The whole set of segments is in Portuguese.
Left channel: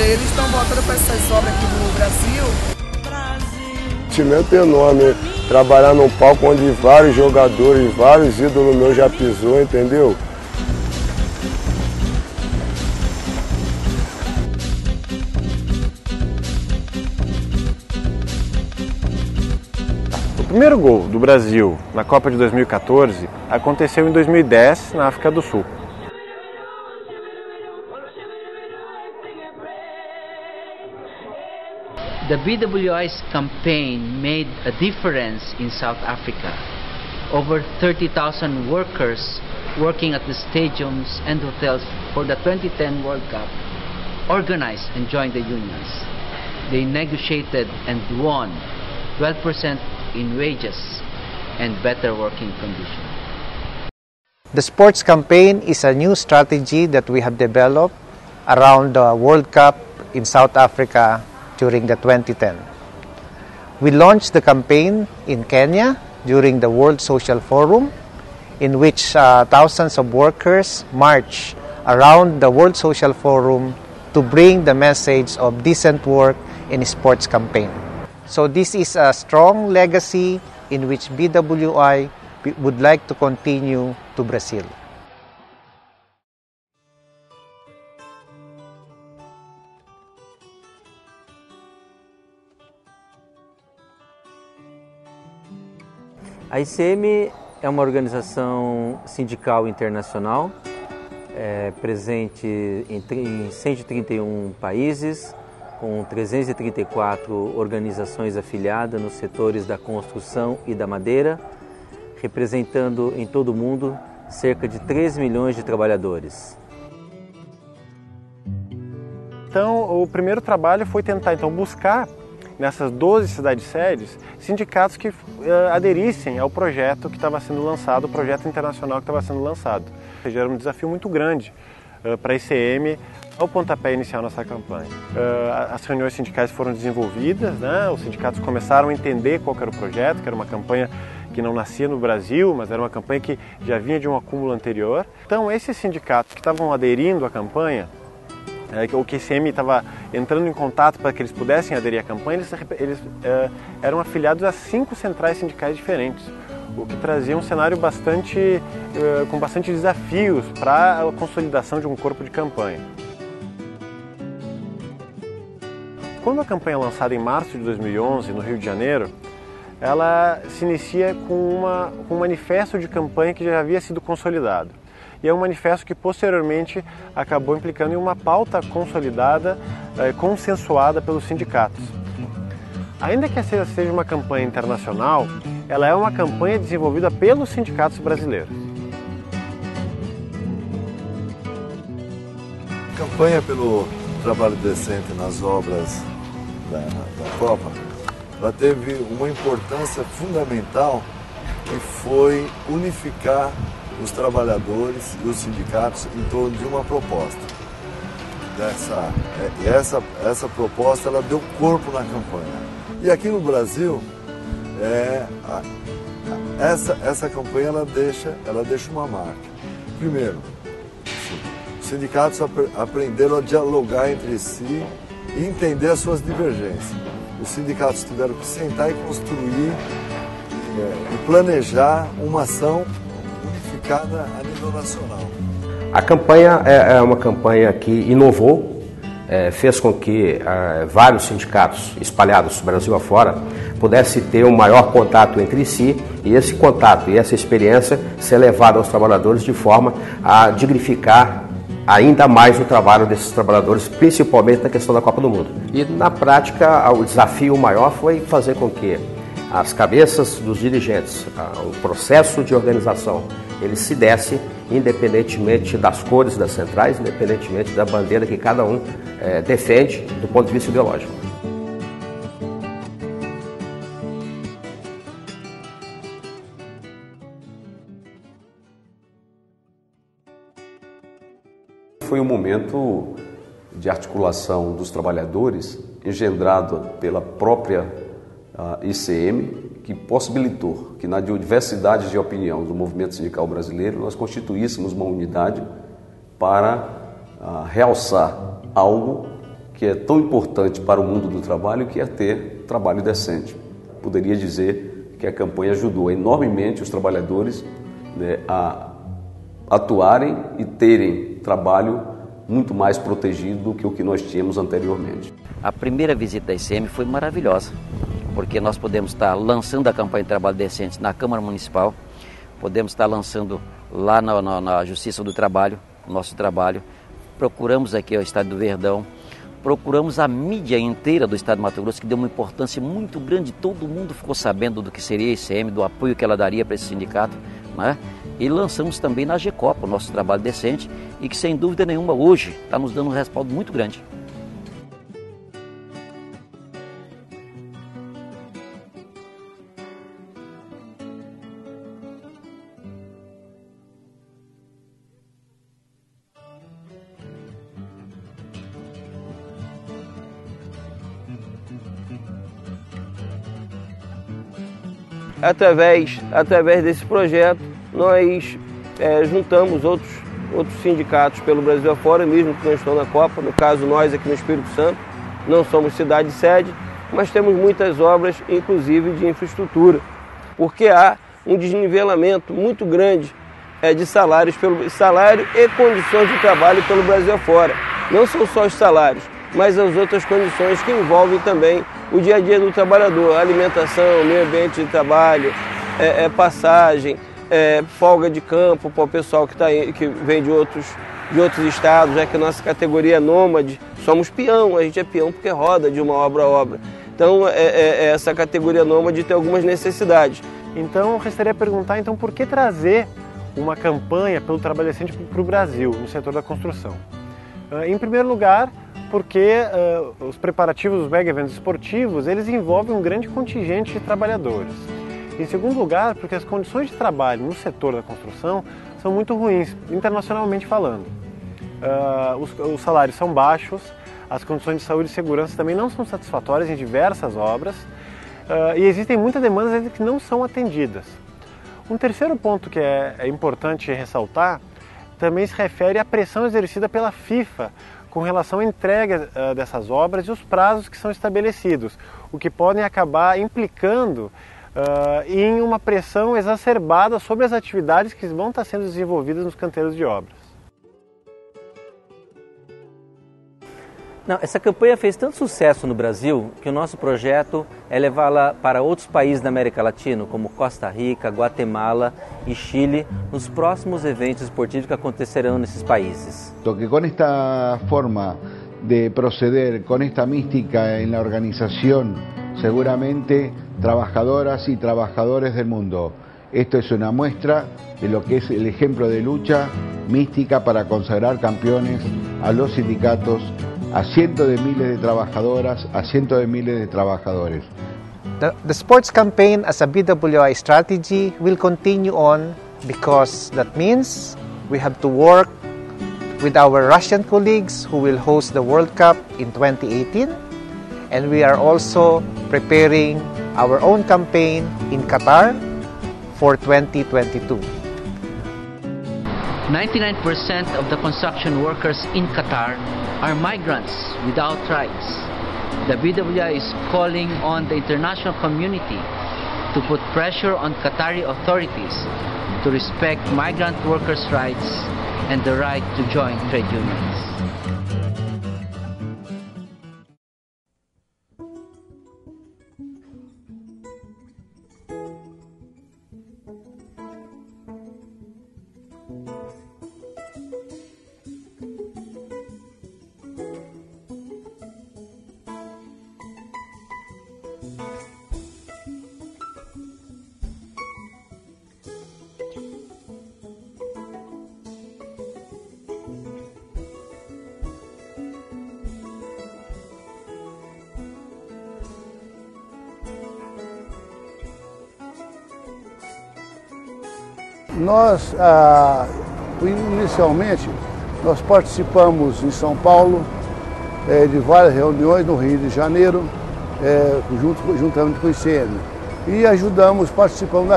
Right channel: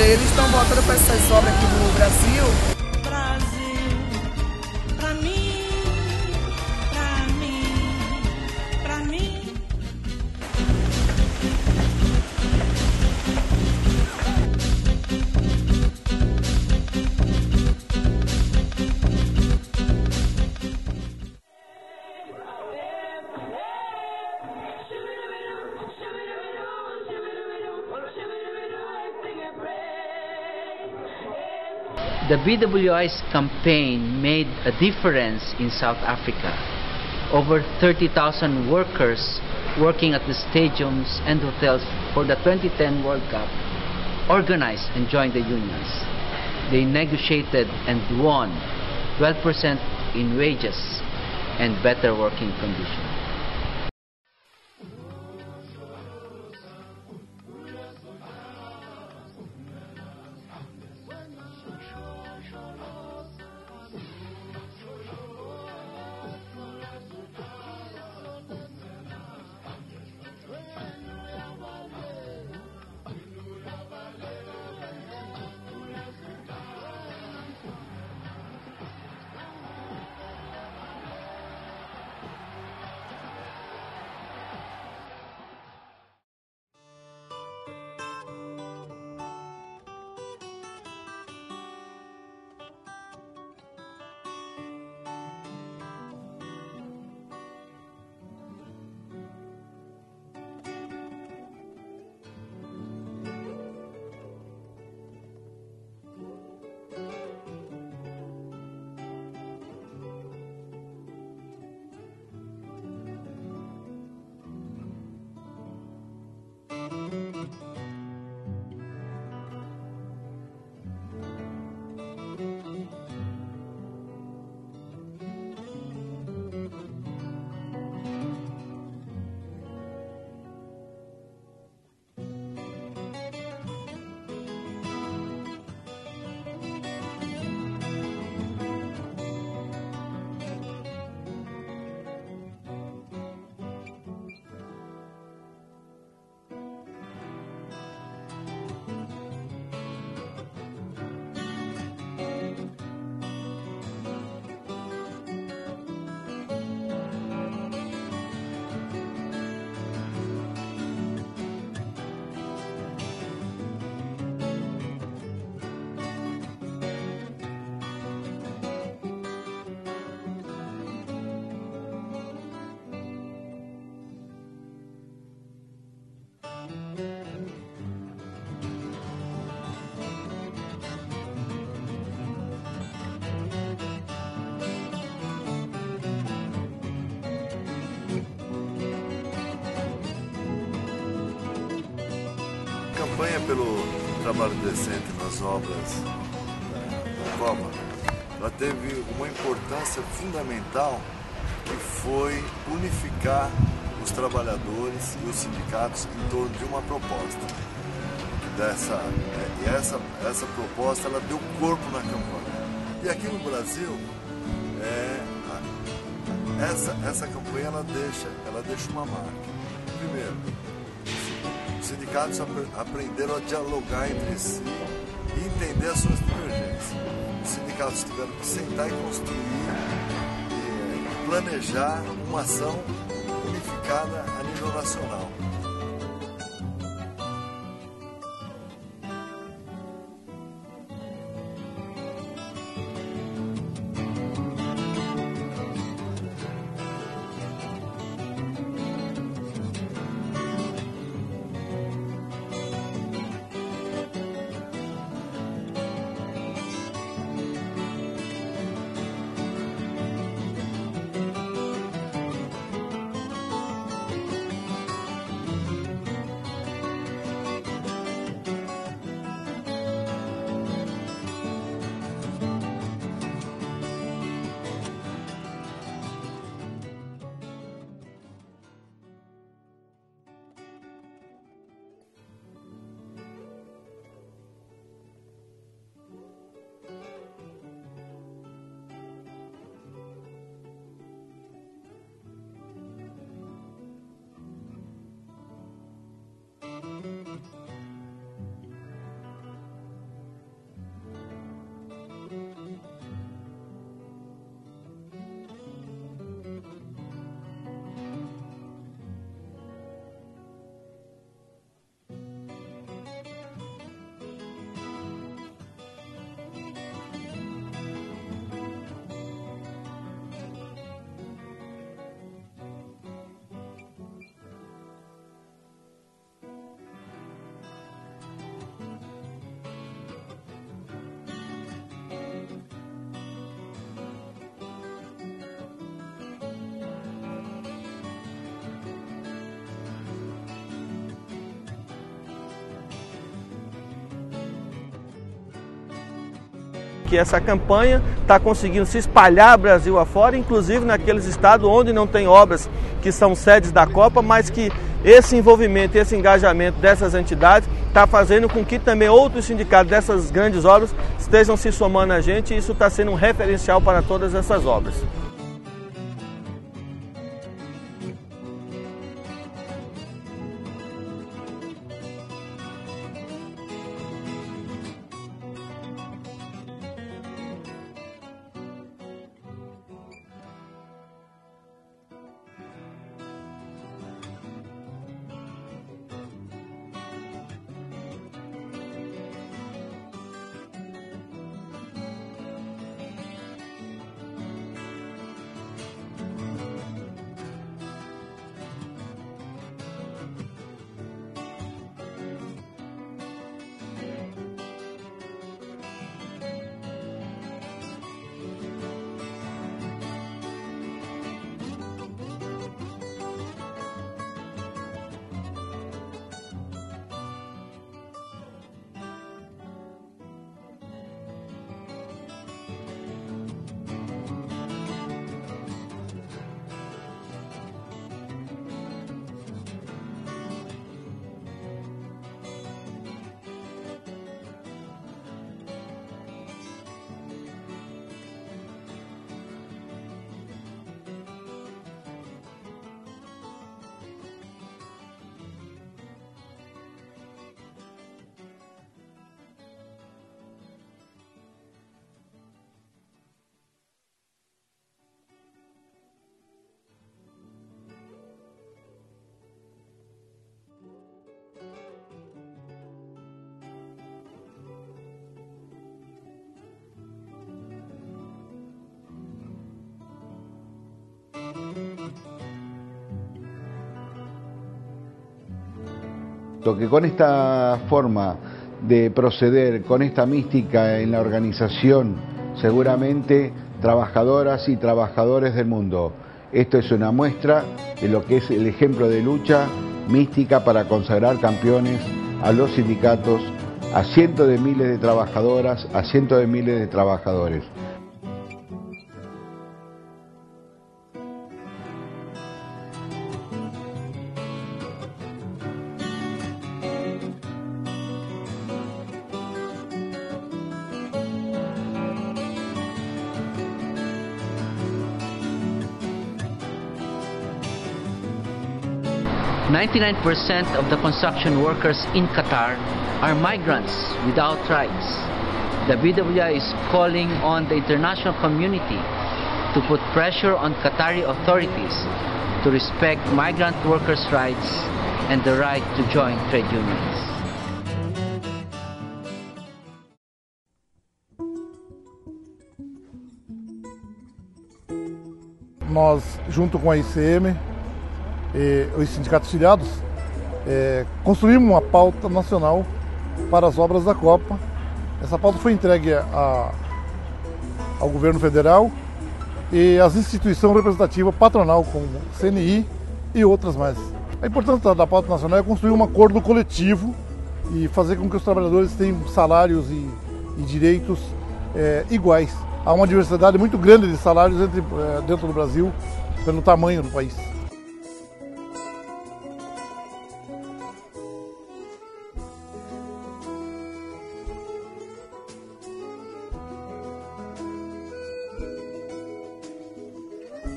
eles estão voltando para essas obras aqui no Brasil. O sentimento é enorme, trabalhar num palco onde vários jogadores, vários ídolos meus já pisou, entendeu? O primeiro gol do Brasil na Copa de 2014 aconteceu em 2010 na África do Sul. The BWI's campaign made a difference in South Africa. Over 30,000 workers working at the stadiums and hotels for the 2010 World Cup organized and joined the unions. They negotiated and won 12% in wages and better working conditions. The sports campaign is a new strategy that we have developed around the World Cup in South Africa during the 2010. We launched the campaign in Kenya during the World Social Forum, in which thousands of workers marched around the World Social Forum to bring the message of decent work in sports campaign. So this is a strong legacy in which BWI would like to continue to Brazil. A ICM é uma organização sindical internacional, presente em 131 países, com 334 organizações afiliadas nos setores da construção e da madeira, representando em todo o mundo cerca de 3 milhões de trabalhadores. Então, o primeiro trabalho foi tentar buscar nessas 12 cidades-sedes sindicatos que aderissem ao projeto que estava sendo lançado, o projeto internacional que estava sendo lançado. Ou seja, era um desafio muito grande para a ICM ao pontapé inicial nessa campanha. As reuniões sindicais foram desenvolvidas, né? Os sindicatos começaram a entender qual era o projeto, que era uma campanha que não nascia no Brasil, mas era uma campanha que já vinha de um acúmulo anterior. Então, esses sindicatos que estavam aderindo à campanha, o que a ICM estava entrando em contato para que eles pudessem aderir à campanha, eles eram afiliados a 5 centrais sindicais diferentes, o que trazia um cenário com bastante desafios para a consolidação de um corpo de campanha. Quando a campanha é lançada em março de 2011, no Rio de Janeiro, ela se inicia com um manifesto de campanha que já havia sido consolidado. E é um manifesto que posteriormente acabou implicando em uma pauta consolidada, consensuada pelos sindicatos. Ainda que essa seja uma campanha internacional, ela é uma campanha desenvolvida pelos sindicatos brasileiros. A campanha pelo trabalho decente nas obras da Copa, ela teve uma importância fundamental, que foi unificar os trabalhadores e os sindicatos em torno de uma proposta. Essa proposta ela deu corpo na campanha. E aqui no Brasil, essa campanha ela deixa uma marca. Primeiro, os sindicatos aprenderam a dialogar entre si e entender as suas divergências. Os sindicatos tiveram que sentar e construir e planejar uma ação unificada a nível nacional. A campanha é uma campanha que inovou, fez com que vários sindicatos espalhados Brasil afora pudessem ter um maior contato entre si, e esse contato e essa experiência ser levada aos trabalhadores de forma a dignificar ainda mais o trabalho desses trabalhadores, principalmente na questão da Copa do Mundo. E na prática, o desafio maior foi fazer com que as cabeças dos dirigentes, o processo de organização, ele se desse independentemente das cores das centrais, independentemente da bandeira que cada um defende do ponto de vista ideológico. Foi um momento de articulação dos trabalhadores, engendrado pela própria ICM, que possibilitou que na diversidade de opinião do movimento sindical brasileiro nós constituíssemos uma unidade para realçar algo que é tão importante para o mundo do trabalho, que é ter trabalho decente. Poderia dizer que a campanha ajudou enormemente os trabalhadores, né, a atuarem e terem trabalho muito mais protegido do que o que nós tínhamos anteriormente. A primeira visita da ICM foi maravilhosa, porque nós podemos estar lançando a campanha de trabalho decente na Câmara Municipal, podemos estar lançando lá na Justiça do Trabalho, o nosso trabalho. Procuramos aqui o Estado do Verdão, procuramos a mídia inteira do Estado do Mato Grosso, que deu uma importância muito grande, todo mundo ficou sabendo do que seria a ICM, do apoio que ela daria para esse sindicato, né? E lançamos também na GECOPA o nosso trabalho decente e que, sem dúvida nenhuma, hoje está nos dando um respaldo muito grande. Que essa campanha está conseguindo se espalhar Brasil afora, inclusive naqueles estados onde não tem obras que são sedes da Copa, mas que esse envolvimento, esse engajamento dessas entidades está fazendo com que também outros sindicatos dessas grandes obras estejam se somando a gente, e isso está sendo um referencial para todas essas obras. Através desse projeto, nós juntamos outros sindicatos pelo Brasil afora, mesmo que não estão na Copa. No caso, nós aqui no Espírito Santo não somos cidade-sede, mas temos muitas obras, inclusive de infraestrutura, porque há um desnivelamento muito grande de salário e condições de trabalho pelo Brasil afora. Não são só os salários, mas as outras condições que envolvem também o dia a dia do trabalhador, alimentação, meio ambiente de trabalho, passagem, folga de campo para o pessoal que vem de outros estados, já que a nossa categoria é nômade, somos peão, a gente é peão porque roda de uma obra a obra. Então essa categoria nômade tem algumas necessidades. Então eu gostaria de perguntar, então, por que trazer uma campanha pelo trabalho decente para o Brasil, no setor da construção? Em primeiro lugar, porque os preparativos dos mega eventos esportivos, eles envolvem um grande contingente de trabalhadores. Em segundo lugar, porque as condições de trabalho no setor da construção são muito ruins, internacionalmente falando. Os salários são baixos, as condições de saúde e segurança também não são satisfatórias em diversas obras, e existem muitas demandas que não são atendidas. Um terceiro ponto que é importante ressaltar também se refere à pressão exercida pela FIFA com relação à entrega dessas obras e os prazos que são estabelecidos, o que podem acabar implicando em uma pressão exacerbada sobre as atividades que vão estar sendo desenvolvidas nos canteiros de obras. Não, essa campanha fez tanto sucesso no Brasil que o nosso projeto é levá-la para outros países da América Latina, como Costa Rica, Guatemala e Chile, nos próximos eventos esportivos que acontecerão nesses países. Que com esta forma de proceder, con esta mística en la organización, seguramente trabajadoras y trabajadores del mundo. Esto es una muestra de lo que es el ejemplo de lucha mística para consagrar campeones a los sindicatos, a cientos de miles de trabajadoras, a cientos de miles de trabajadores. The sports campaign as a BWI strategy will continue on because that means we have to work with our Russian colleagues who will host the World Cup in 2018, and we are also preparing our own campaign in Qatar for 2022. 99% of the construction workers in Qatar are migrants without rights. The BWI is calling on the international community to put pressure on Qatari authorities to respect migrant workers' rights and the right to join trade unions. Nós, junto com a ICM e os sindicatos filiados, construímos uma pauta nacional para as obras da Copa. Essa pauta foi entregue ao governo federal e às instituições representativas patronal, como CNI e outras mais. A importância da pauta nacional é construir um acordo coletivo e fazer com que os trabalhadores tenham salários e direitos iguais. Há uma diversidade muito grande de salários dentro do Brasil, pelo tamanho do país. Nós, inicialmente, nós participamos em São Paulo de várias reuniões no Rio de Janeiro, juntamente com o ICM. E participamos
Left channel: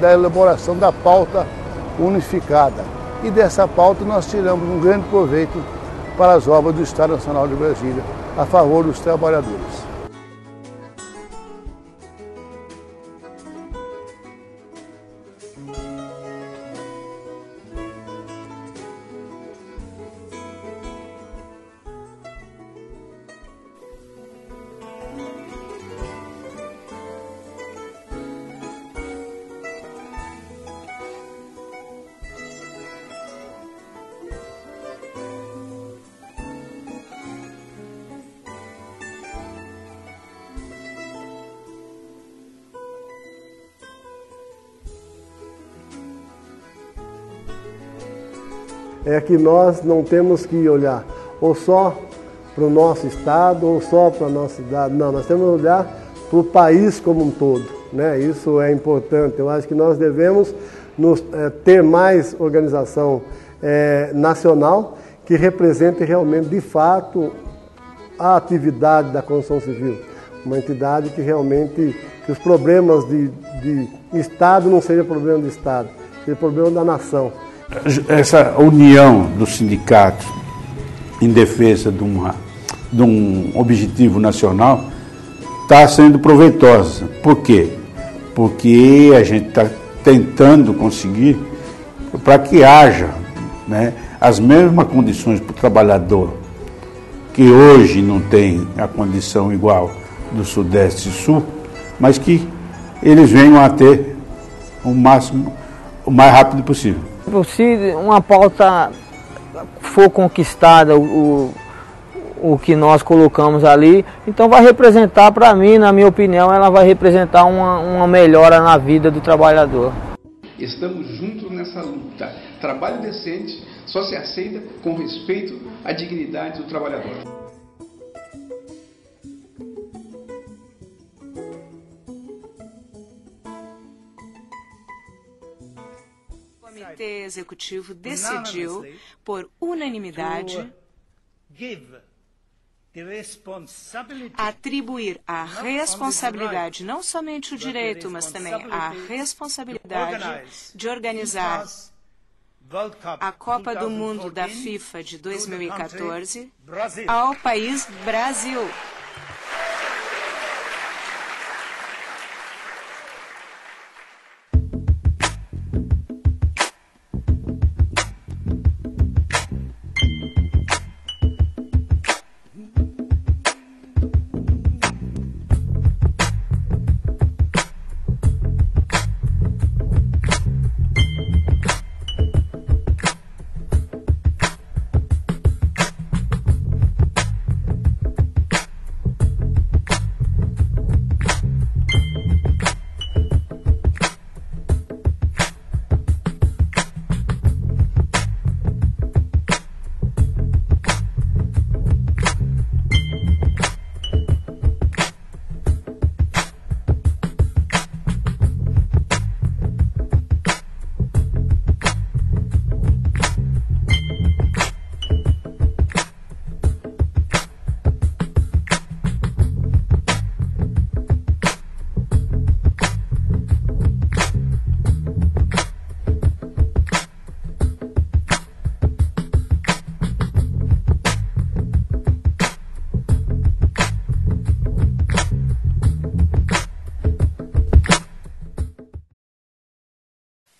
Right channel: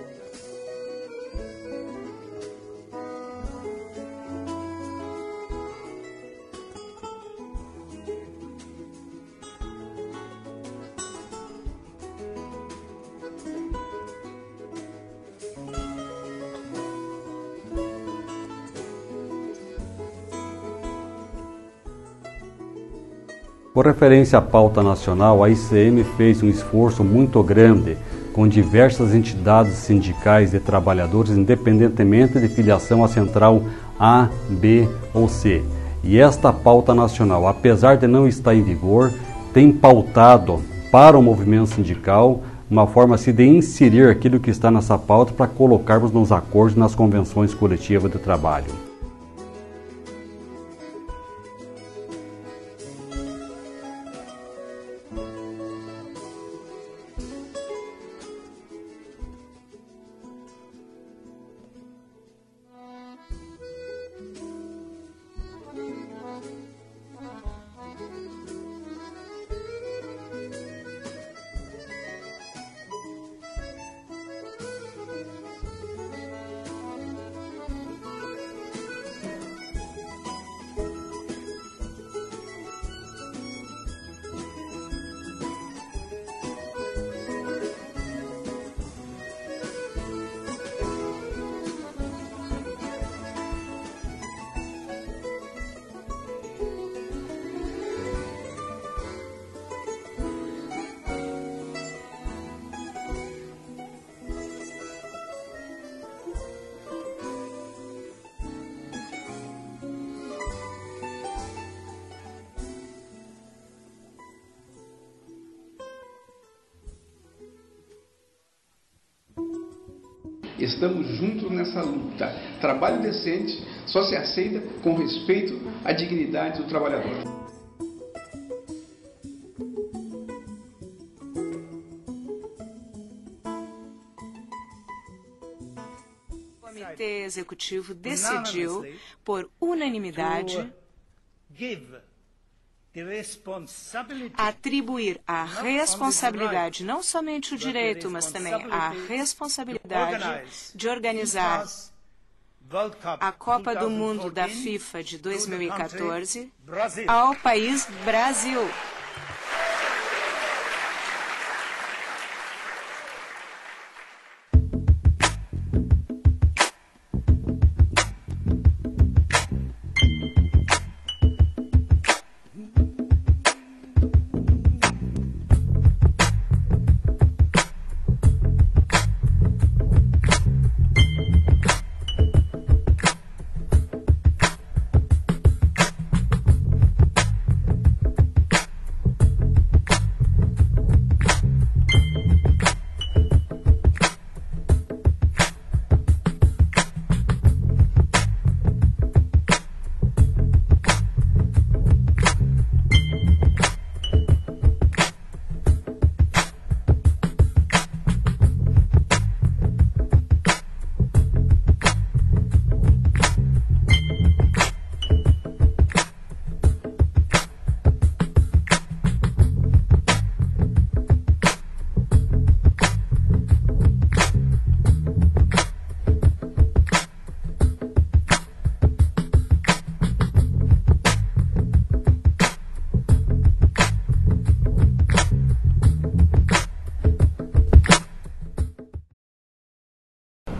da elaboração da pauta unificada. E dessa pauta nós tiramos um grande proveito para as obras do Estado Nacional de Brasília, a favor dos trabalhadores. Com referência à pauta nacional, a ICM fez um esforço muito grande com diversas entidades sindicais de trabalhadores, independentemente de filiação à central A, B ou C. E esta pauta nacional, apesar de não estar em vigor, tem pautado para o movimento sindical uma forma assim, de inserir aquilo que está nessa pauta para colocarmos nos acordos, nas convenções coletivas de trabalho. É que nós não temos que olhar ou só para o nosso estado ou só para a nossa cidade. Não, nós temos que olhar para o país como um todo, né? Isso é importante. Eu acho que nós devemos ter mais organização nacional que represente realmente, de fato, a atividade da construção civil. Uma entidade que realmente, que os problemas de Estado não sejam problema do Estado, seja problema da nação. Essa união dos sindicatos em defesa de um objetivo nacional está sendo proveitosa. Por quê? Porque a gente está tentando conseguir para que haja, né, as mesmas condições para o trabalhador que hoje não tem a condição igual do Sudeste e Sul, mas que eles venham a ter o mais rápido possível. Se uma pauta for conquistada, o que nós colocamos ali, então vai representar, para mim, na minha opinião, ela vai representar uma melhora na vida do trabalhador. Estamos juntos nessa luta. Trabalho decente só se aceita com respeito à dignidade do trabalhador. O Comitê Executivo decidiu, por unanimidade, atribuir a responsabilidade, não somente o direito, mas também a responsabilidade de organizar a Copa do Mundo da FIFA de 2014 ao país Brasil.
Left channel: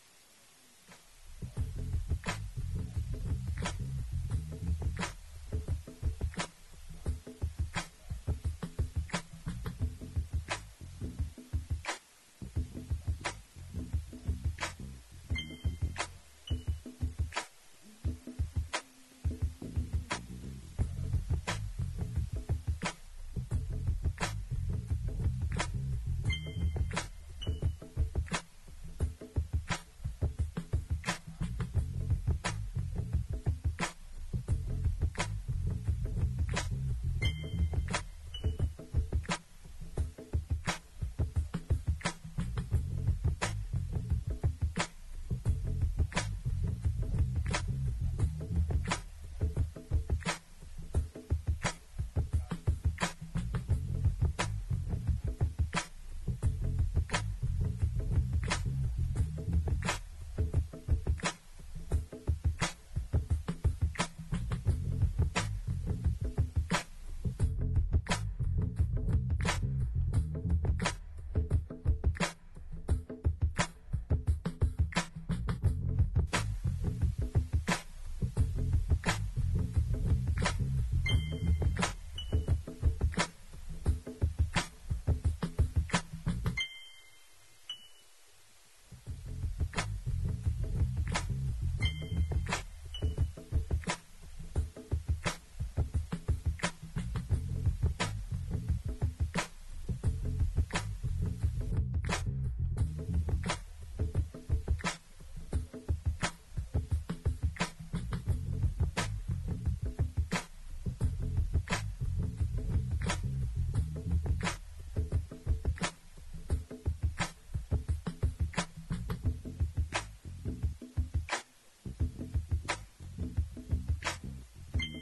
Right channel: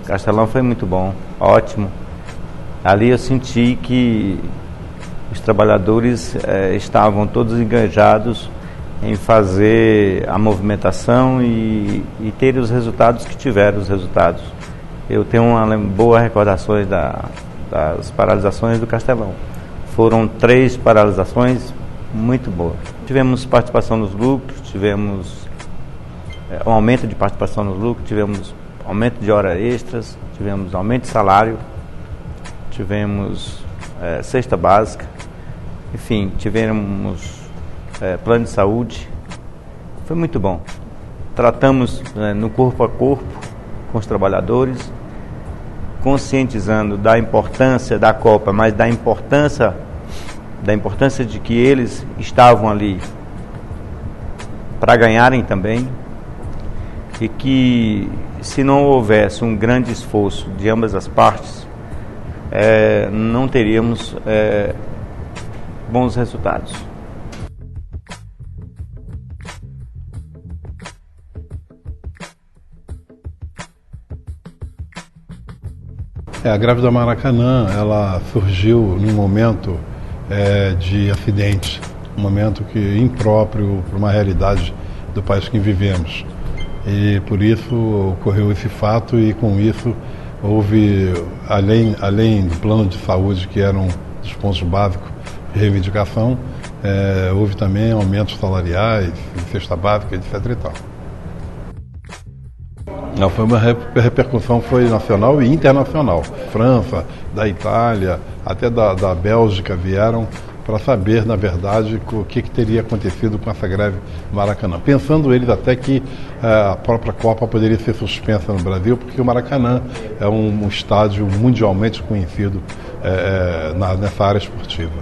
Castelão foi muito bom, ótimo. Ali eu senti que os trabalhadores estavam todos engajados em fazer a movimentação e ter os resultados que tiveram os resultados. Eu tenho uma boa recordações das paralisações do Castelão. Foram 3 paralisações muito boas. Tivemos participação nos lucros, tivemos um aumento de participação nos lucros, tivemos aumento de horas extras, tivemos aumento de salário, tivemos cesta básica, enfim, tivemos plano de saúde. Foi muito bom. Tratamos no corpo a corpo com os trabalhadores, conscientizando da importância da Copa, mas da importância de que eles estavam ali para ganharem também, e que se não houvesse um grande esforço de ambas as partes, não teríamos bons resultados. A greve do Maracanã, ela surgiu num momento de acidentes, um momento que impróprio para uma realidade do país que vivemos. E por isso ocorreu esse fato e com isso houve, além do plano de saúde, que era um dos pontos básicos de reivindicação, houve também aumentos salariais, cesta básica, etc. e tal. Não, foi uma repercussão, foi nacional e internacional. França, da Itália, até da Bélgica vieram para saber, na verdade, o que teria acontecido com essa greve do Maracanã. Pensando eles até que a própria Copa poderia ser suspensa no Brasil, porque o Maracanã é um estádio mundialmente conhecido nessa área esportiva.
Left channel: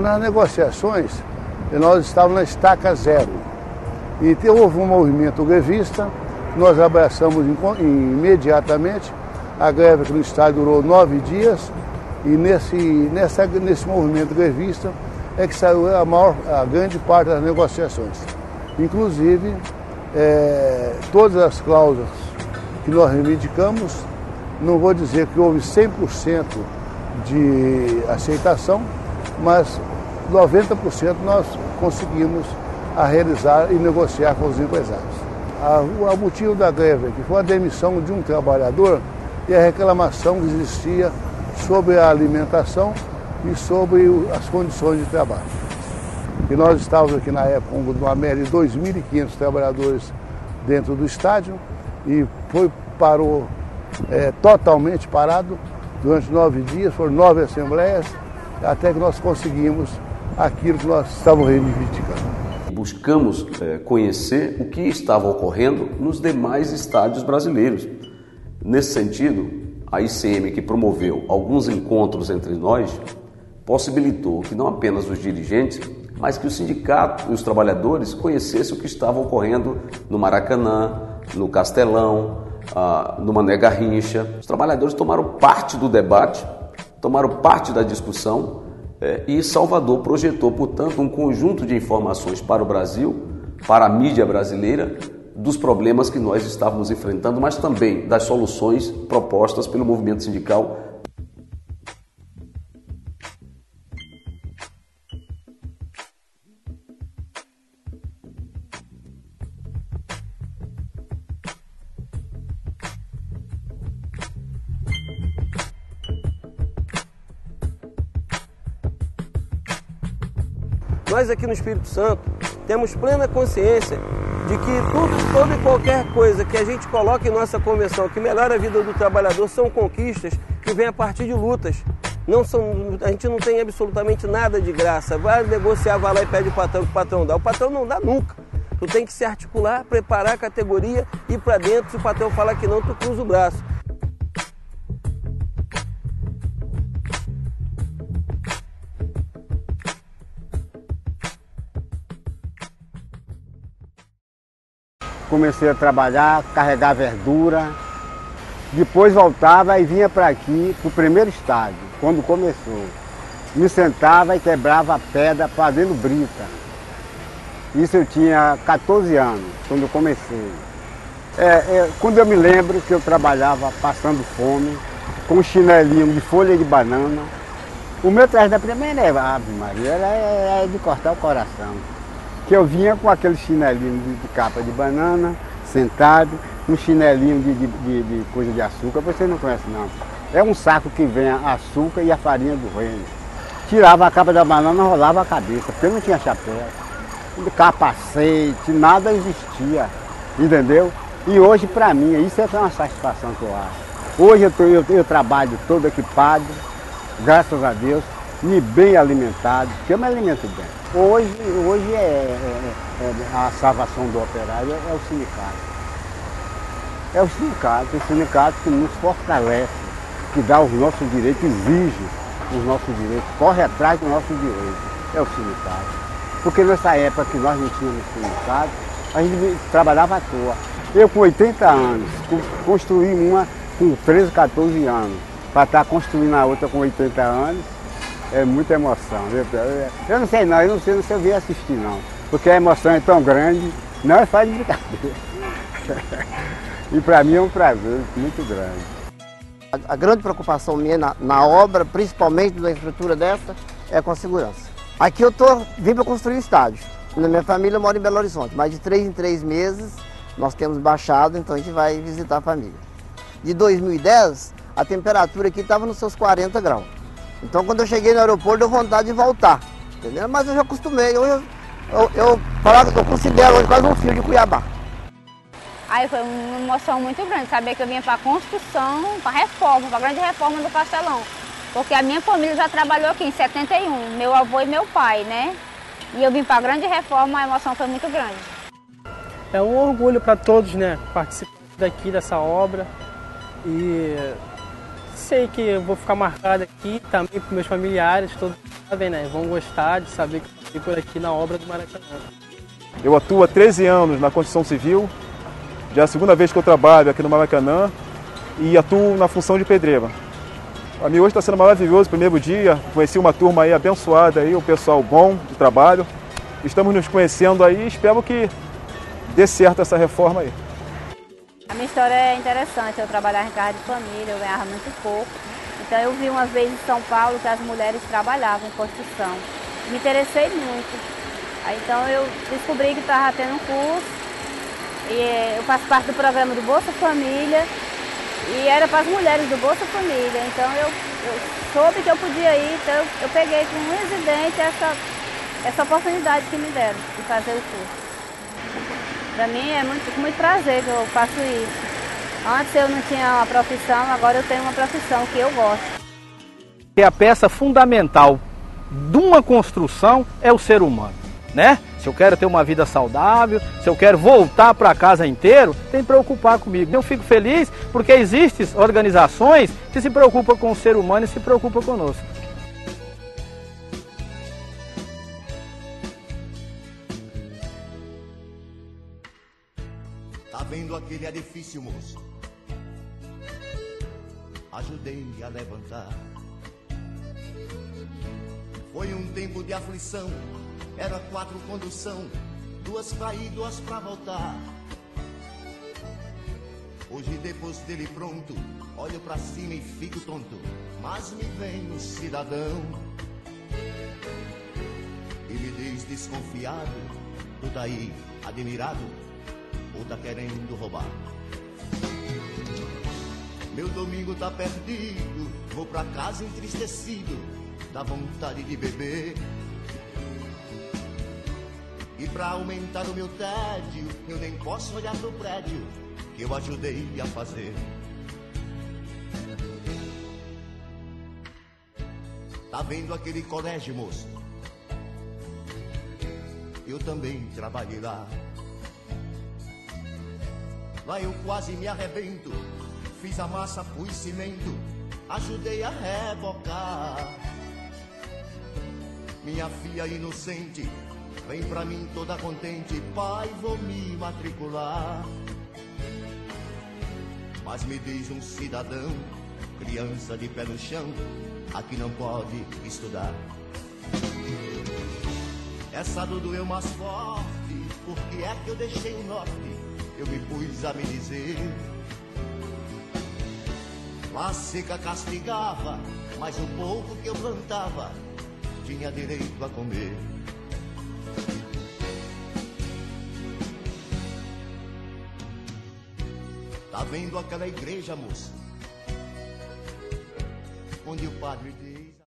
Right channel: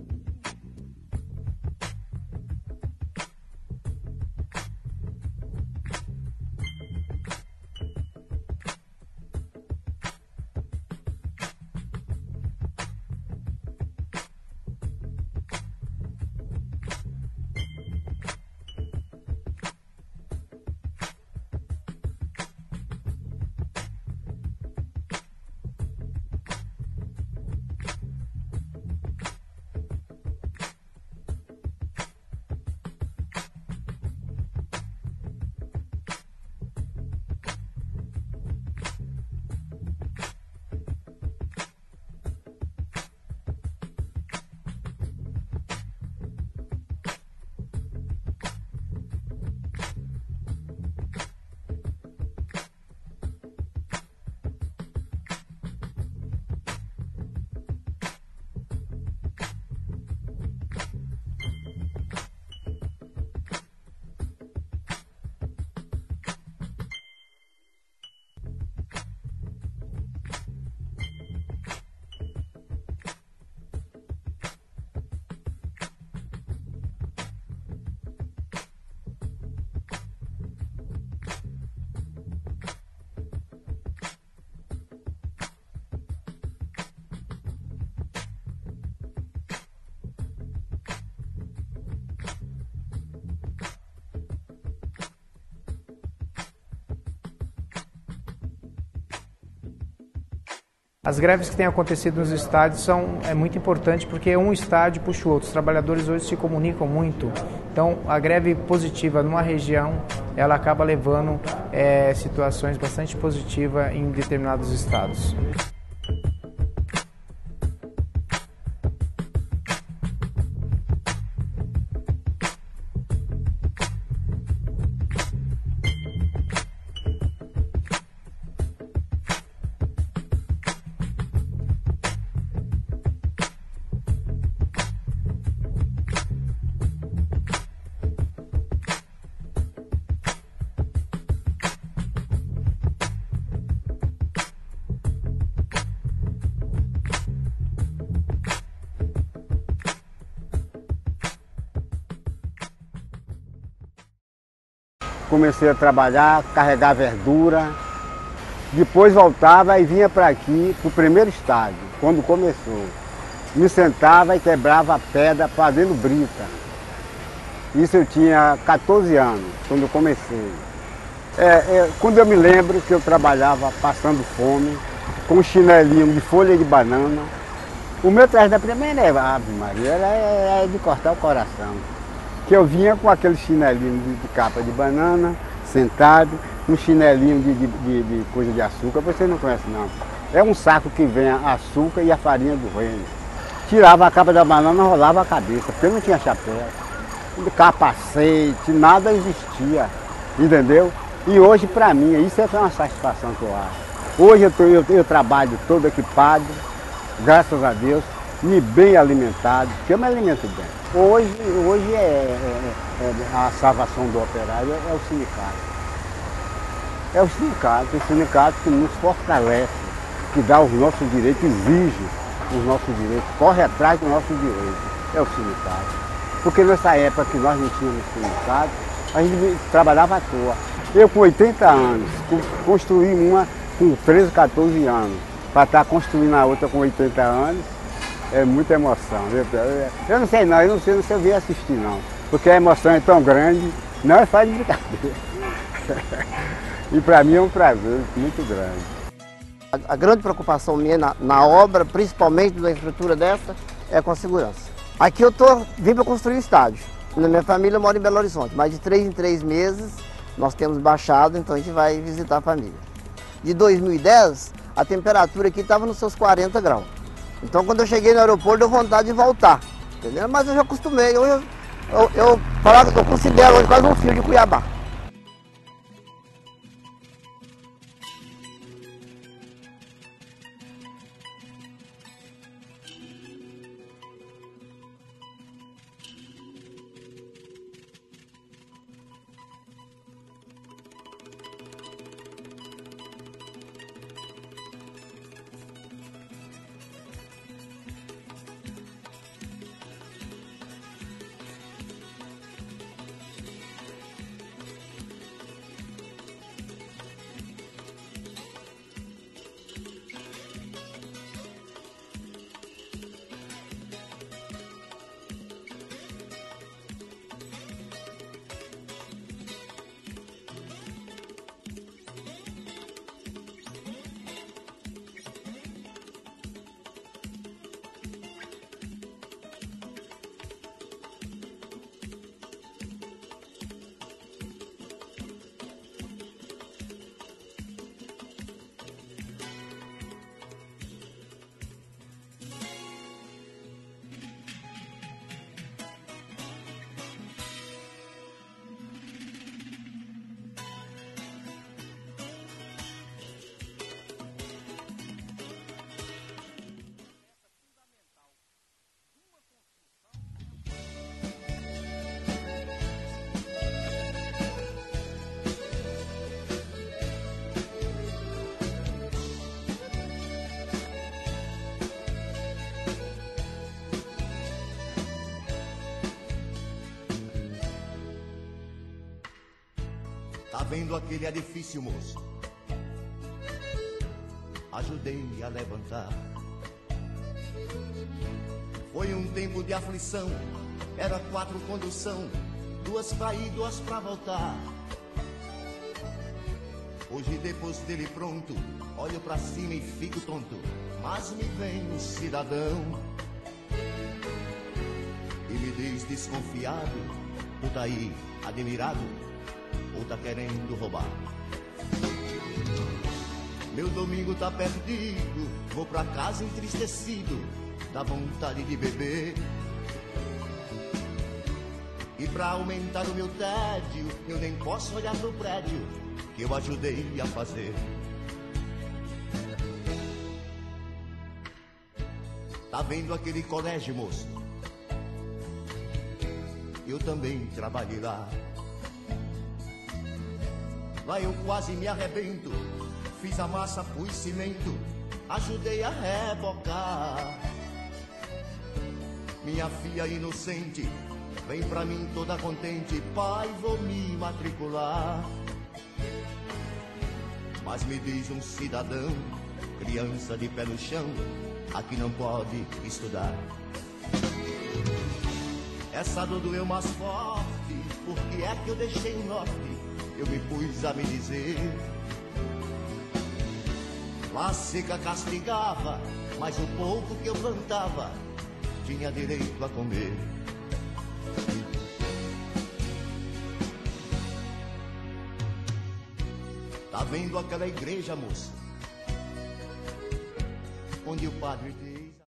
Nas negociações, nós estávamos na estaca zero. E houve um movimento grevista, nós abraçamos imediatamente. A greve aqui no estádio durou 9 dias e nesse movimento grevista é que saiu a grande parte das negociações. Inclusive, todas as cláusulas que nós reivindicamos, não vou dizer que houve 100% de aceitação, mas 90% nós conseguimos realizar e negociar com os empresários. O motivo da greve que foi a demissão de um trabalhador e a reclamação que existia sobre a alimentação e sobre as condições de trabalho. E nós estávamos aqui na época com uma média de 2.500 trabalhadores dentro do estádio e parou totalmente parado durante 9 dias, foram 9 assembleias, até que nós conseguimos aquilo que nós estávamos reivindicando. Buscamos conhecer o que estava ocorrendo nos demais estádios brasileiros. Nesse sentido, a ICM, que promoveu alguns encontros entre nós, possibilitou que não apenas os dirigentes, mas que o sindicato e os trabalhadores conhecessem o que estava ocorrendo no Maracanã, no Castelão, no Mané Garrincha. Os trabalhadores tomaram parte do debate, tomaram parte da discussão, e Salvador projetou, portanto, um conjunto de informações para o Brasil, para a mídia brasileira, dos problemas que nós estávamos enfrentando, mas também das soluções propostas pelo movimento sindical. As greves que têm acontecido nos estádios é muito importante porque um estádio puxa o outro. Os trabalhadores hoje se comunicam muito. Então, a greve positiva numa região, ela acaba levando situações bastante positivas em determinados estados. Nós aqui no Espírito Santo temos plena consciência de que toda e qualquer coisa que a gente coloca em nossa convenção que melhora a vida do trabalhador são conquistas que vêm a partir de lutas. A gente não tem absolutamente nada de graça. Vai negociar, vai lá e pede o patrão dá. O patrão não dá nunca. Tu tem que se articular, preparar a categoria, ir para dentro. Se o patrão falar que não, tu cruza o braço. Comecei a trabalhar, carregar verdura, depois voltava e vinha para aqui, para o primeiro estádio, quando começou. Me sentava e quebrava a pedra fazendo brita. Isso eu tinha 14 anos, quando eu comecei. Quando eu me lembro que eu trabalhava passando fome, com um chinelinho de folha de banana. O meu traje da primeira Ave Maria, é de cortar o coração. Que eu vinha com aquele chinelinho de capa de banana, sentado, um chinelinho de coisa de açúcar, você não conhece não. É um saco que vem açúcar e a farinha do reino. Tirava a capa da banana, rolava a cabeça, porque não tinha chapéu. Capacete, nada existia, entendeu? E hoje para mim, isso é uma satisfação que eu acho. Hoje eu trabalho todo equipado, graças a Deus, e bem alimentado, porque eu me alimento bem. Hoje a salvação do operário é o sindicato. É o sindicato que nos fortalece, que dá os nossos direitos, exige os nossos direitos, corre atrás dos nossos direitos. É o sindicato. Porque nessa época que nós não tínhamos sindicato, a gente trabalhava à toa. Eu com 80 anos, construí uma com 13, 14 anos. para estar construindo a outra com 80 anos, é muita emoção. Eu não sei não, eu não sei se eu vim assistir não, porque a emoção é tão grande, não é fácil de brincadeira. E para mim é um prazer muito grande. A grande preocupação minha na obra, principalmente da estrutura dessa, é com a segurança. Aqui eu vim para construir um estádio. Na minha família eu moro em Belo Horizonte, mas de 3 em 3 meses nós temos baixado, então a gente vai visitar a família. De 2010, a temperatura aqui estava nos seus 40 graus. Então quando eu cheguei no aeroporto, deu vontade de voltar, entendeu? Mas eu já acostumei, eu considero hoje quase um filho de Cuiabá. Aí foi uma emoção muito grande, saber que eu vinha para a construção, para a reforma, para a grande reforma do Castelão. Porque a minha família já trabalhou aqui em 71, meu avô e meu pai, né? E eu vim para a grande reforma, a emoção foi muito grande. É um orgulho para todos, né? Participar daqui dessa obra. E sei que eu vou ficar marcado aqui também para meus familiares, todos sabem, né? Vão gostar de saber que eu estive por aqui na obra do Maracanã. Eu atuo há 13 anos na construção civil, já é a segunda vez que eu trabalho aqui no Maracanã e atuo na função de pedreiro. Para mim hoje está sendo maravilhoso o primeiro dia, conheci uma turma aí abençoada, aí, um pessoal bom de trabalho. Estamos nos conhecendo aí e espero que dê certo essa reforma aí. A minha história é interessante, eu trabalhava em casa de família, eu ganhava muito pouco. Então eu vi uma vez em São Paulo que as mulheres trabalhavam em construção. Me interessei muito. Aí, então eu descobri que estava tendo um curso, e eu faço parte do programa do Bolsa Família, e era para as mulheres do Bolsa Família. Então eu soube que eu podia ir, então eu peguei com um residente essa oportunidade que me deram de fazer o curso. Para mim é muito prazer que eu faço isso. Antes eu não tinha uma profissão, agora eu tenho uma profissão que eu gosto. A peça fundamental de uma construção é o ser humano, né? Se eu quero ter uma vida saudável, se eu quero voltar para casa inteiro, tem que preocupar comigo. Eu fico feliz porque existem organizações que se preocupam com o ser humano e se preocupam conosco. Tá vendo aquele edifício, moço? Ajudei a levantar. Foi um tempo de aflição, era 4 condução, 2 pra ir, 2 pra voltar. Hoje depois dele pronto, olho pra cima e fico tonto, mas me vem um cidadão e me diz desconfiado: tu tá aí admirado ou tá querendo roubar? Meu domingo tá perdido, vou pra casa entristecido, dá vontade de beber. E pra aumentar o meu tédio, eu nem posso olhar pro prédio que eu ajudei a fazer. Tá vendo aquele colégio, moço? Eu também trabalhei lá. Lá eu quase me arrebento, fiz a massa, pus cimento, ajudei a rebocar. Minha filha inocente vem pra mim toda contente: pai, vou me matricular. Mas me diz um cidadão, criança de pé no chão, aqui não pode estudar. Essa dor doeu mais forte, porque é que eu deixei o norte, eu me pus a me dizer. Lá seca castigava, mas o pouco que eu plantava tinha direito a comer. Tá vendo aquela igreja, moça? Onde o padre